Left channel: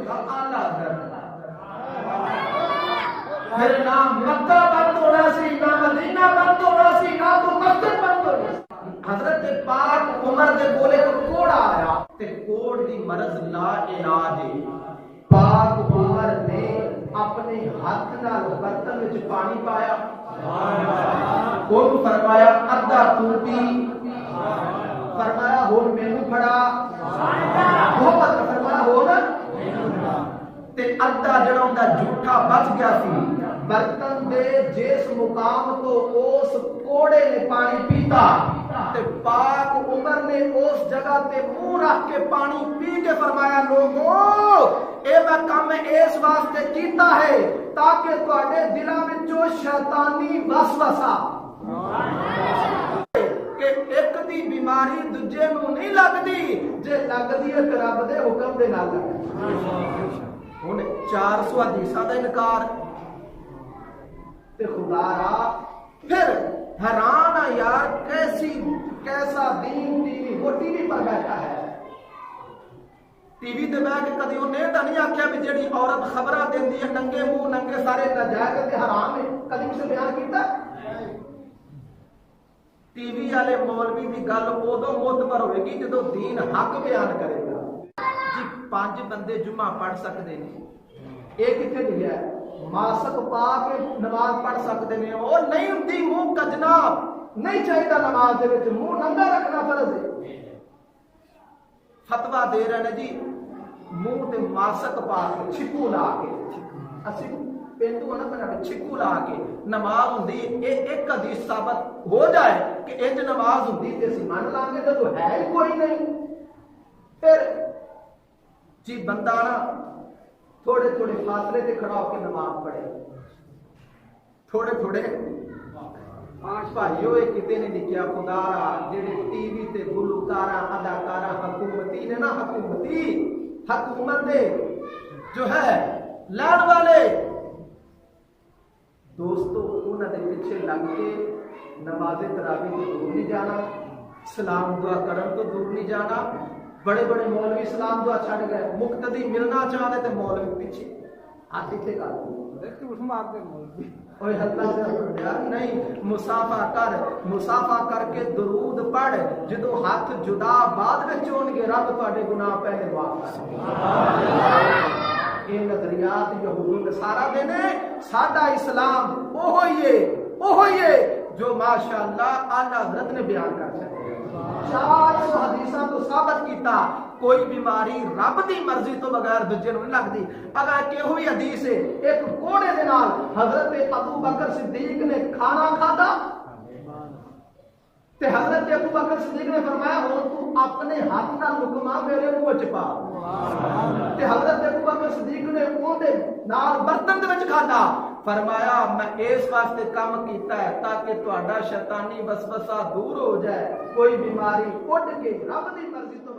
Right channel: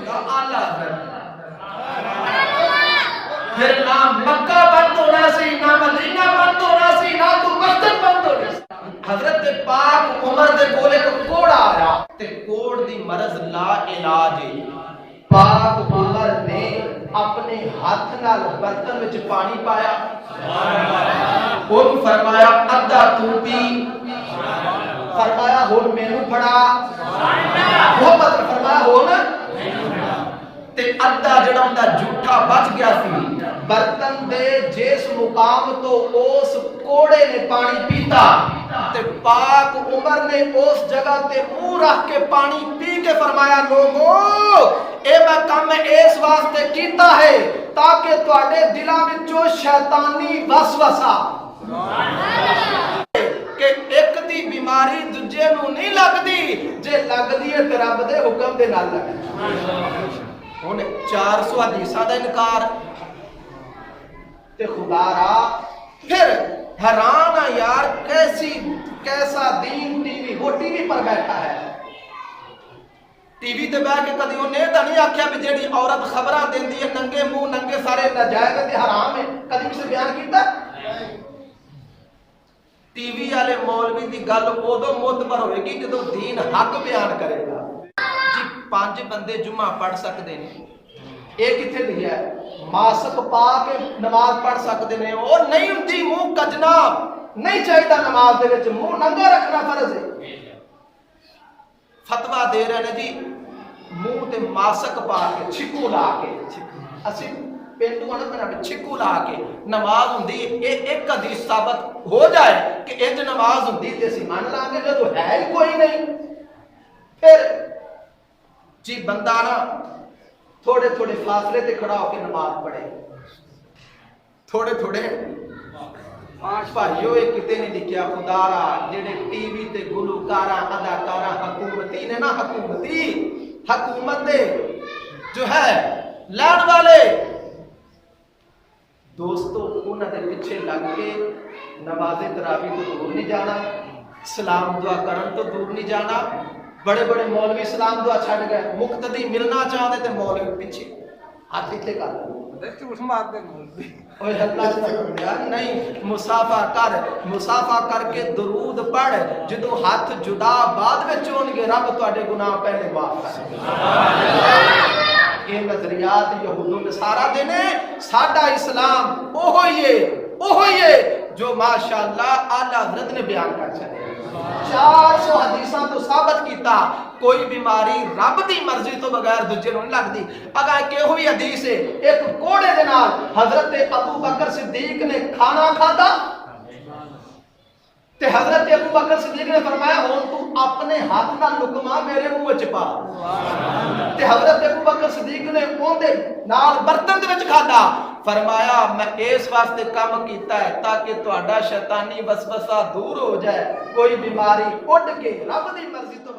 हुंदा आला हज़रत। फिर ना मक्का बंद होना सी, ना मदीना बंद होना सी, ना कोई मस्जिद बंद होनी सी। हजरत पाक उमर दे कोल एक कोड़ आया ते कोड़ दी मरज ला इलाज है। पाक उमर ने अपने हाथ नाल बर्तन विच पानी पाया, उन्होंने फरमाया अद्धा तू पी, फरमाया हुण मैनू फड़ा, वो मतलब फरमाया हो ना ते अद्धा जड़ा उनका झूठा बच गया सी बर्तन दे जिस मुकाम तो उस कोड़े ने पानी पीता ते पाक उमर ने उस जगह ते मुंह रख के पानी पी के फरमाया लोगों ए मैं काम इस वास्ते कीता है ताकि तुहाडे दिलां विचों शैतानी वसवसा कि एक दी बीमारी दूजे नूं नहीं लगदी, जे लगदी है ते रब दे हुक्म दे नाल लगदी। हुण 400 हदीसां दा इनकार ते खुदारा फिर हैरान आ यार कैसा दीन। टीवी वो टीवी पर बैठा है, टीवी ते बैठ के कदी उन्हें तो नहीं आख्या भी जेड़ी औरत खबरां देंदी है नंगे मुंह नंगे सारे नाजायज ते हराम है, कदी किसी बयान कीता? टीवी वाले मौलवी की गल उदों मोतबर होगी जो दीन हक बयान करेगा। जी 5 बंदे जुम्मा पढ़ सकते हैं, ये कितने लिखा है? मास्क पा के नमाज पढ़ सकते हैं और नहीं होंगी मुंह कजना नहीं चाहिए नमाज दे विच, मुंह नंगा रखना फर्ज है। फतवा दे रहे हैं जी मुंह ते मास्क पा के छिकू ला के, असी पेंडू ना छिकू ला के नमाज होंगी, ये एक हदीस साबित हो जाए कि इंज नमाज होंगी तो असीं मान लांगे, जो है ही कोई नहीं। फिर जी बंदा ना थोड़े थोड़े फासले ते खड़ा होकर नमाज पढ़े, थोड़े थोड़े भाइयों ये किते नहीं लिखिया खुदारा जेडे टीवी ते गुलकारा अदाकारा हकूमती ने ना हुकूमत दे जो है लैण वाले दोस्तों उन्होंने पीछे लग के नमाज़े तरावी तो दूर नहीं जाना, सलाम दुआ करन तो दूर नहीं जाना। बड़े बड़े मौलवी सलाम दुआ छड़ गए, मुक्तदी मिलना चाहते थे मौलवी पीछे हाथ इत्थे कर नहीं मुसाफा करके दरूद पढ़, जो हाथ जुदा बाद में होणगे रब तुहाडे गुनाह पहले माफ कर। ये नजरियात यहूद नसारा दे ने, साडा इस्लाम ओहो ही है जो माशाअल्लाह आला हज़रत ने बयान कर छड़े। 400 हदीसां तो साबित कीता कोई बीमारी रब दी मर्जी तो बगैर दूजे नूं नहीं लगदी। अगर किहो ही हदीस है एक कोड़े दे नाल हजरत अबू बकर सिद्दीक ने खाना खादा ते हजरत अबू बकर सिद्दीक ने फरमाया हुण तू अपने हाथ नाल लुकमा मेरे मुंह च पा, ते हजरत अबू बकर सिद्दीक ने ओंदे नाल बर्तन दे विच खादा। फरमाया मैं इस वास्ते काम कीता है ताकि तुहाडा शैतानी वसवसा दूर हो जाए, कोई बीमारी उड़ के रब दी मर्जी तो